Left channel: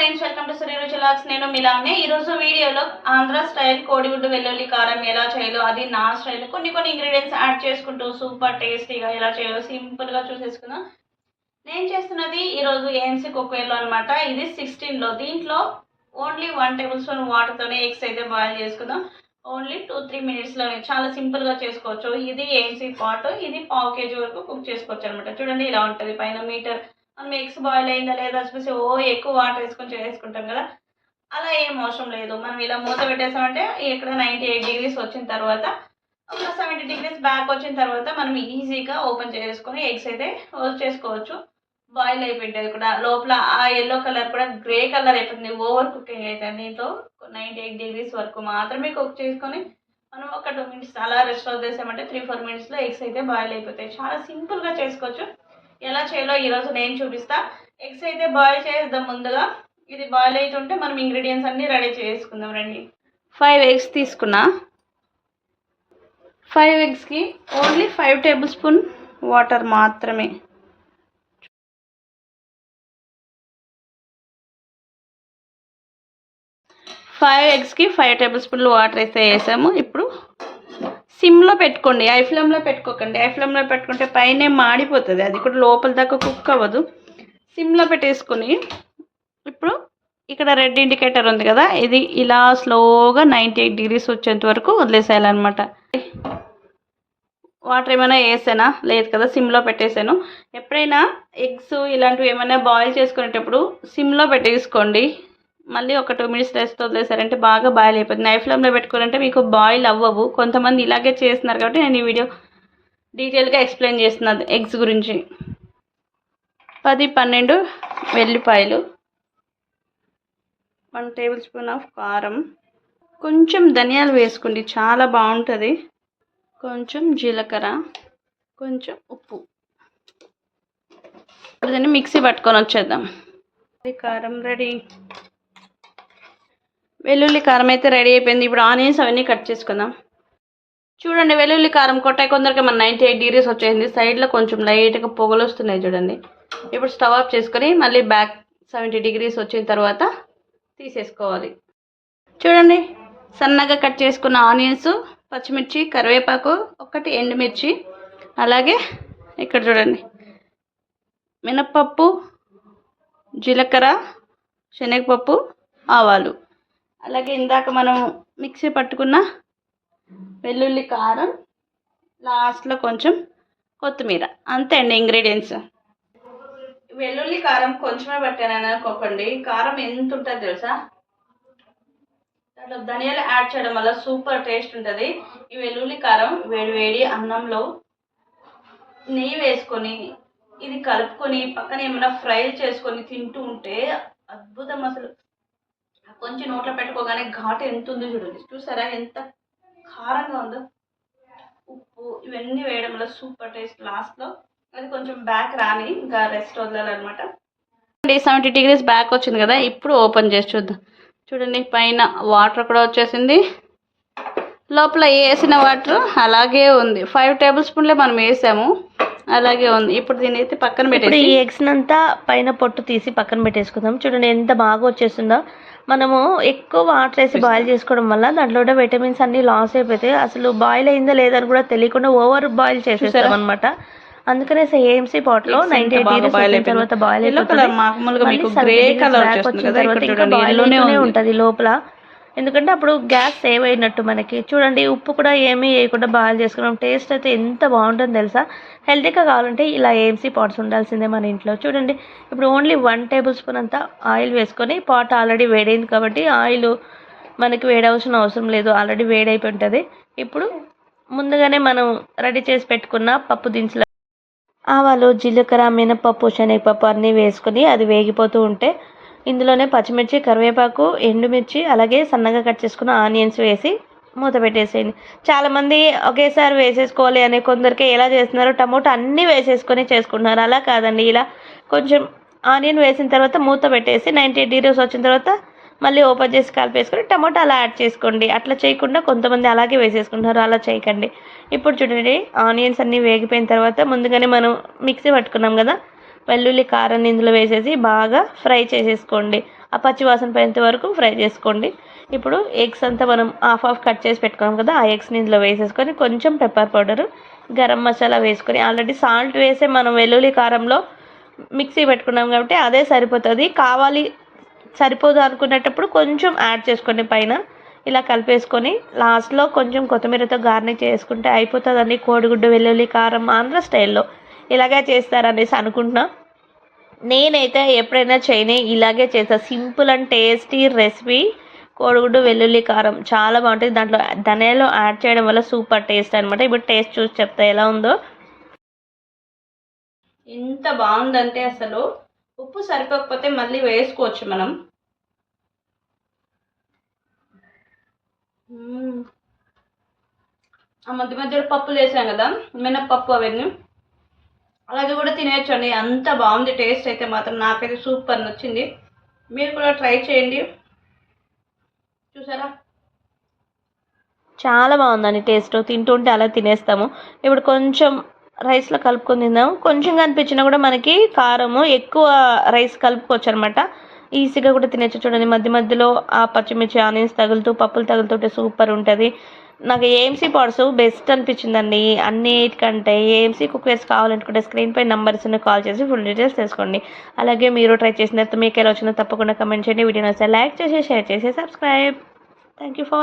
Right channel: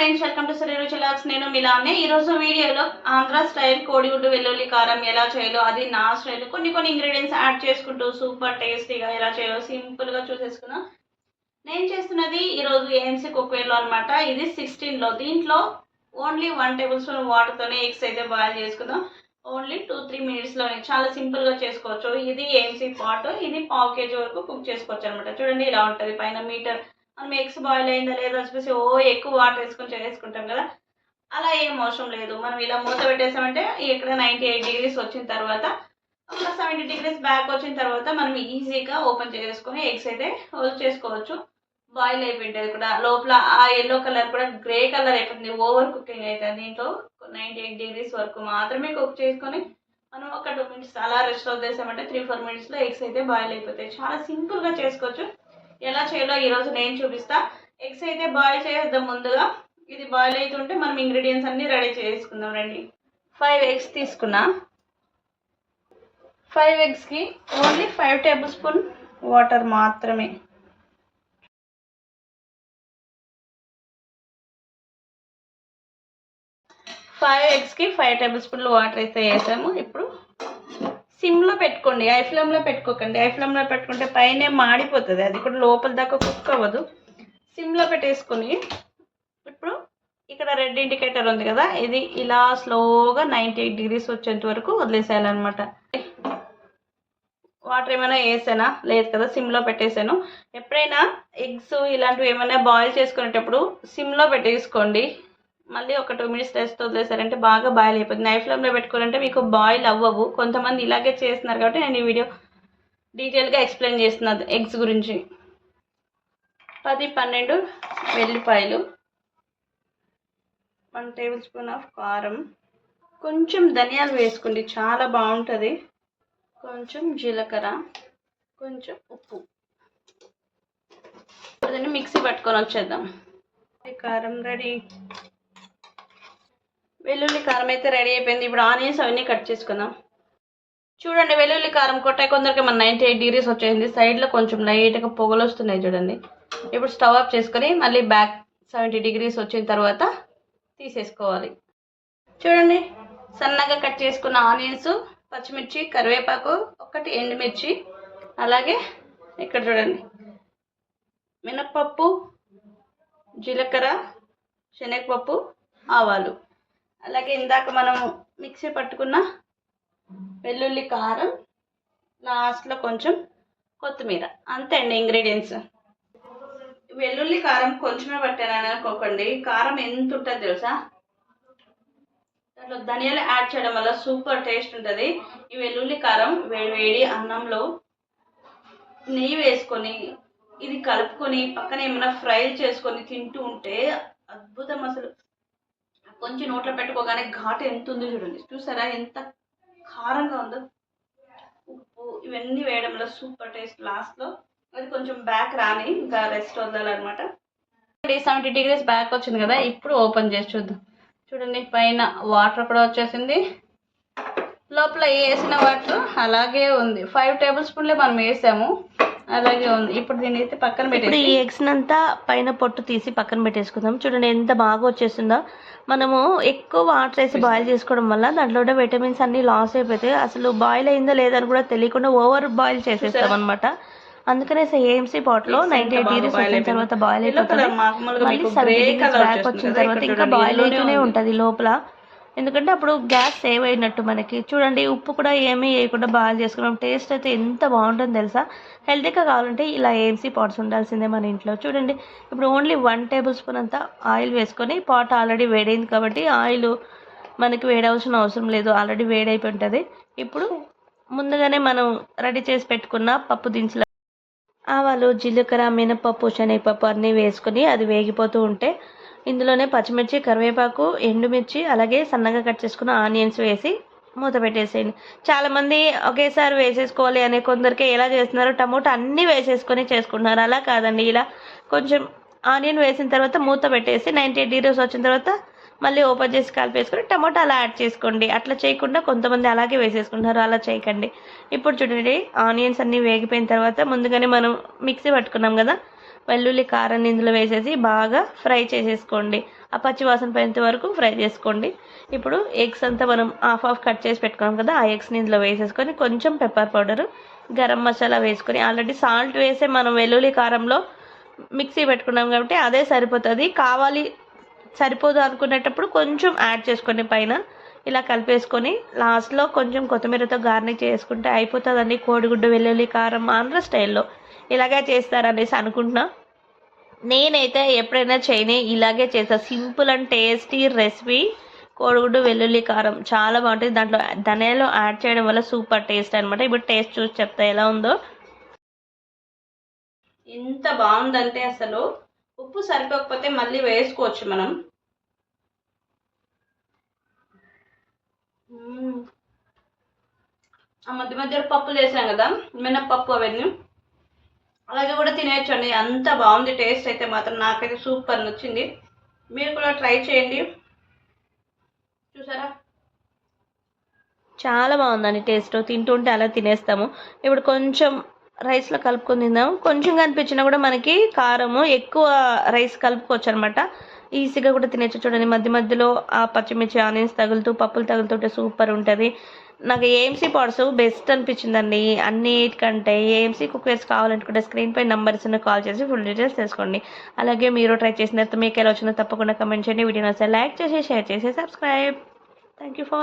Friends, welcome to Shri రుచి logs. నేను మిలానే. ఈరోజు వీడియోలో ఆంధ్ర స్టైల్ కోడిగుడ్డు వెల్లుల్లి కారం ఎలా చేయాలో, అది నా స్టైల్ కొన్ని ఇంగ్రీడియంట్స్ యాడ్ చేసుకుంటూ సూపర్ టేస్టీగా ఎలా చేయాలో సింపుల్గా చూసేసుకుందాం. నేను చేస్తున్నది ఈరోజు ఏఎంసీ కుక్వేర్లో అనమాట. ఇది 16లో. దీంట్లో ఓన్లీ 1 టేబుల్ స్పూన్ వాటర్తోనే ఎగ్స్ అయితే బాయిల్ చేసుకుందాం. ఓన్లీ 2-3 మినిట్స్లోనే చాలా సింపుల్గా చేసుకోవచ్చు. ఇది ఏఎంసీ పాట్. ఇది 1/2 kg వరకు కుక్ చేసుకోవచ్చు అనమాట. చూడండి, ఇలా ఉంటుంది. పైన మీటర్ మనం ఎగ్స్ బాయిల్ అయిందా లేదా చూసి ఎక్కువ వాటర్ వేసుకొని చేసుకుంటాం కదా, అలా ఏం అవసరం లేదు. మనం ఇలా మూత పెట్టేసామంటే ఇక్కడ 98 degrees వచ్చిన తర్వాత ఒక 70 degrees బ్యాక్ వచ్చిన తర్వాత మనం ఈజీగా ఓపెన్ చేసుకొని ఎగ్స్ అయితే హోల్డ్ చేసుకోవచ్చు. బాయిల్ అయిపోయింటుంది కూడా. లోపల ఆ ఎల్లో కలర్ కూడా గ్రే కలర్ అయిపోతుంది. ఓవర్ కుకింగ్ అవుతుంది. దీంట్లో 98 degrees వరకు మాత్రమే కుక్ చేసుకొని మనం ఒక 2 minutes అలా రెస్ట్ వదిలేసామంటే 3-4 minutesలో ఎగ్స్ అయితే బాయిల్ అయిపోతాయి. చాలా సింపుల్గా చేసుకోవచ్చు. ఎలా చేయాలో ఈరోజు నేను చూపిస్తా. ఎగ్స్ అయితే బాయిల్ చేద్దాం ముందుగా. ఇది బాయిల్ అవుతుంటే మనం ఇంగ్రీడియంట్స్ అన్నీ రెడీ చేసుకుందాం. రండి. 5 eggs తీసుకున్నా. 5 eggsకి ఓన్లీ 5 టేబుల్ స్పూన్ వాటర్ మాత్రమే. ఫైవ్ ఎగ్స్కి 5 టేబుల్ స్పూన్లు వాటర్ అయితే వేసాము. ఇప్పుడు సిమ్లో పెట్టుకోండి, హై ఫ్లేమ్లో పెట్టుకోకండి. హై ఫ్లేమ్లో పెట్టుకుంటే పైన మాడిపోతుంది, అది కూడా లోపల దాకా కుక్ అవ్వదు. సిమ్లో పెట్టేసుకొని ఇప్పుడు ఇక్కడ రెడ్ ఇండికేటర్ ఉంది కదా, ఇది ఇలా స్లోగా 98 degrees వచ్చేంత వరకు వదిలేసేయాలన్నమాట. వాటర్ ఏమైనా వేసానా లేదు కదా, సిమ్లో పెట్టేసాను. ఎప్పుడైనా ఎగ్స్ ఇలాంటివి ఏమైనా బాయిల్ చేసుకునేటప్పుడు సిమ్లో పెట్టేసుకోండి. మళ్ళీ ఒక 2 minutes రెస్ట్ వదిలేసారంటే బాగా బాయిల్ అయిపోతుంది. హై ఫ్లేమ్లో పెట్టుకోవాలంటే మీకు బాయిల్ అవ్వవు. కొంతమంది ఇలాగే చేస్తున్నారు కాబట్టి నేను ఈ వీడియో డీటెయిల్గా ఎక్స్ప్లెయిన్ చేస్తున్నాను ఎగ్స్ గురించి. 10-12 వెల్లిపాయలు, 1 టేబుల్ స్పూన్ ఆఫ్ కారం, కొంచెం ధనియాలు వేసుకోండి, చాలా బాగుంటుంది. కొంచెం జీలకర్ర, కొంచెం ఉప్పు. దాన్ని మిక్సీ పట్టుకొని వచ్చేద్దాం. కారం రెడీ. వెల్లుల్లి కారం అయితే రెడీ అయిపోయింది. ఇప్పుడు ఆనియన్స్ అవన్నీ కట్ చేసుకుందాం. చూడండి, వెల్లుల్లి కారం కొట్టాయి కొందరికి మన 98 degrees వచ్చేసింది. సైడ్లో కొంచెం లైట్గా పొగలు వస్తున్నాయి చూడండి. ఇప్పుడు స్టవ్ ఆఫ్ చేసుకొని మళ్ళీ బ్యాక్ 70 degrees వచ్చిన తర్వాత తీసేసుకోవాలి. చూడండి, సన్నగా కట్ చేసుకున్న ఆనియన్స్, పచ్చిమిర్చి, కరివేపాకు, 1 ఎండుమిర్చి, అలాగే ఇక్కడ చూడండి మినప్పప్పు, జీలకర్ర, శనగపప్పు, ఆవాలు, అలాగే ఇందాక మనం మిక్సీ పట్టుకున్న వెల్లుల్లి కారం, లాస్ట్లో కొంచెం కొత్తిమీర. అంతే అండి ఇంగ్రీడియంట్స్. వెల్లుల్లి కారం కొంచెమే పట్టానని అనుకోకండి, కారం ఎంత ఉంటుంది తెలుసా. దాంట్లో ధనియాలు యాడ్ చేయడం వల్ల సూపర్ టేస్ట్ ఉంటుంది. ఈ వెల్లుల్లి కారం వేడి అన్నంలో నెయ్యి వేసుకొని ఇది కలుపుకొని పక్కన ఏమైనా ఫ్రై చేసుకొని తింటూ ఉంటే అద్భుతం. అసలు కొంచెం నోట్లో పెట్టుకోగానే ఘాటు ఎంత ఉందో చూడండి. చూసారా ఎంత కారంగా ఉందో. ఉప్పు ఇవన్నీ వేయడం వల్ల సూపర్ టేస్ట్. లాస్ట్లో అది కొంచెం బ్యాక్ రాని ఇంకా రెస్ట్ వదలాలన్నమాట. 70 degrees బ్యాక్ వచ్చింది కదా, ఇప్పుడు ఓపెన్ చేసి చూద్దాం. చూడండి, పైన వాటర్ కూడా వచ్చేసింది, లోపల వేసిన వాటర్ అలాగే ఉంది. 5 టేబుల్ స్పూన్లే మనం వేసాము, అలాగే ఉంది. ఇప్పుడు దీన్ని అయితే పక్కన పెట్టేసి ఈ ఎగ్స్ అంతా పైన పొట్టు తీసి పక్కన పెట్టేసుకుందాం. చూడండి ఎంత బాగా వచ్చేస్తుందో. మనము ఎక్కువ వాటర్ వేసి బాయిల్ చేసుకోవడం వల్ల దాంట్లో ఉన్న విటమిన్స్ అన్ని లాస్ అయిపోతాయి. అసలు బాయిల్ అయిందా లేదని కూడా తెలియకుండా ఓవర్ బాయిల్ చేసేస్తాం అనమాట. అందుకనే ఏఎంసీ పాట్ లో 98 degrees వచ్చిన తర్వాత బాయిల్ అయిపోతుంది. మళ్ళీ 70 degrees బ్యాక్ వచ్చిన తర్వాత ఇంకా బాయిల్ అవుతూనే ఉంటుంది లోపల. ఎందుకంటే అప్పుడు గ్యాస్ సేవ్ అయినట్టు మనకి. చూడండి, ఉప్పు కూడా ఏమీ వేయకుండా బాయిల్ చేసుకున్నాం. టేస్ట్ అయితే ఎంత బాగుంటుందో తెలుసా. హెల్తీగా కావాలంటే ఇలా ఏఎంసీ పాట్స్ ఉండాల్సిందే మన ఇంట్లో. చూడండి, ఇప్పుడు ఓన్లీ 1 టేబుల్ స్పూన్ అంతా ఆయిల్ వేసుకొని, పాట్ ఆల్రెడీ వేడైంది కాబట్టి ఆయిల్ మనకి వేడవలసిన అవసరం లేదు, ఆల్రెడీ వేడైపోయి ఉంటుంది. ఇప్పుడు ముందుగానే మనం రెడీ చేసి పెట్టుకున్న పప్పు దినుసులు, ఆవాలు, జీలకర్ర, మినపప్పు, శనగపప్పు అన్నీ వేసుకొని అది వేగిపోతూ ఉంటే ఇందులోనే పచ్చిమిర్చి, కరివేపాకు, ఎండుమిర్చి, అలాగే సన్నగా కట్ చేసుకున్న ఆనియన్స్ వేసి మూత పెట్టేసేయండి. చాలామంది ఒకేసారి వేసేసుకోవాలి అనే కొందరికి ఎలా చేస్తున్నారు, టమోటా అన్నీ వేసేసుకొని చేసుకుంటున్నారు. అలా కాదండి, ఇలా కొంచెం ఆనియన్ వేసిన తర్వాత మూత పెట్టేసి 98 degrees వచ్చిన తర్వాత మళ్ళీ ఓపెన్ చేసి కలిపేసుకొని టమోటా అలా యాడ్ చేసుకోండి. అట్లా చేయకుండా కొంతమంది అలాగే వేసేసుకుంటారు, అలా చేయకండి. ఇప్పుడు చూడండి, ఆనియన్స్ అన్నీ వేగిపోయిన తర్వాత ముందుగానే మనం మిక్సీ పట్టుకున్నాం కదా, వెల్లుల్లి కారాన్ని ఇందులో వేసేసి బాగా ఫ్రై చేసేసుకోండి. ఆ పచ్చి వాసన పోయేంత వరకు ఫ్రై చేసుకోండి. ఇప్పుడు ఎగ్స్ అంతా మనం హాఫ్ కట్ చేసి పెట్టుకున్నాం కదా, ఆ ఎగ్స్ని ఇందులో వేసేసుకొని కొంచెం పెప్పర్ పౌడరు, గరం మసాలా వేసుకొని, ఆల్రెడీ సాల్ట్ వేసే మనం వెల్లుల్లి కారంలో మిక్సీ పెట్టుకున్నాం కాబట్టి అదే సరిపోతుంది. కావాలి సరిపోదు అనుకునేటప్పుడు కొంచెం యాడ్ చేసుకోండి పైన. ఇలా కలిపేసుకొని లాస్ట్లో కొంచెం కొత్తిమీరతో గార్నిష్ చేసుకుంటే అయిపోతుందండి కోడిగుడ్డు వెల్లుల్లి కారం ఆంధ్ర స్టైల్లో. ఇలాగే చేస్తారనేసి అనుకుంటున్నా. నేనైతే ఎప్పుడైనా చేయని ఇలాగే చేస్తాను. సింపుల్ అండ్ టేస్టీ రెసిపీ కోడిగుడ్డు వెల్లుల్లి కారం చాలా బాగుంటుంది. దాంట్లో ధనియాలు యాడ్ చేయడం వల్ల సూపర్ టేస్ట్ అనమాట. ఇప్పుడు టేస్ట్ చూసి చెప్తా ఎలా ఉందో. ఎంత బాగుందంటే అసలు ఉప్పు సరిపోకపోతే మళ్ళీ వేసుకోవచ్చు మనం. ఆ మధ్య మధ్యలో పప్పులు వేసాం కదా, మినప్పప్పు అవన్నీ అలాగే కూడా తినేయచ్చండి. అంత బాగుంది టేస్ట్ అయితే మాత్రం. నాకైతే సూపర్ నచ్చింది. మీరు కూడా ట్రై చేయండి. చూసారా చాలా బాగుందండి టేస్ట్. తింటుంటే అలా తినేస్తాము. ఇప్పుడు కొంచెం రైస్లో కలుపుకొని తిందాం. కొంచెంగా అనిపించినా కూడా మనకి కారము ఎక్కువ రైస్ కలుపుకోవచ్చు అనమాట. ఈజీగా కూడా తినేచ్చు. చూడండి మధ్య మధ్యలో ఆ పచ్చిమిర్చి ఆనియన్స్ తగులుతూ పప్పులు తగులుతుంటే సూపర్ ఉంటుంది. నాకు ఏఎంసీ పాడ్స్ బెస్ట్ అనిపించిందండి అన్నిటికంటే. ఏఎంసీ కుక్వేర్స్ కావాలనుకుంటే స్క్రీన్ పై నంబర్స్ కాల్ చేసి ఫుల్ డీటెయిల్స్ తెలుసుకోండి. అలాగే మీరు ట్రై చేసిన తర్వాత మీకు ఎలా వచ్చినా తప్పకుండా కమెంట్ చేయండి. వీడియో నచ్చితే లైక్ చేసి షేర్ చేసి సబ్స్క్రైబ్. Thank you for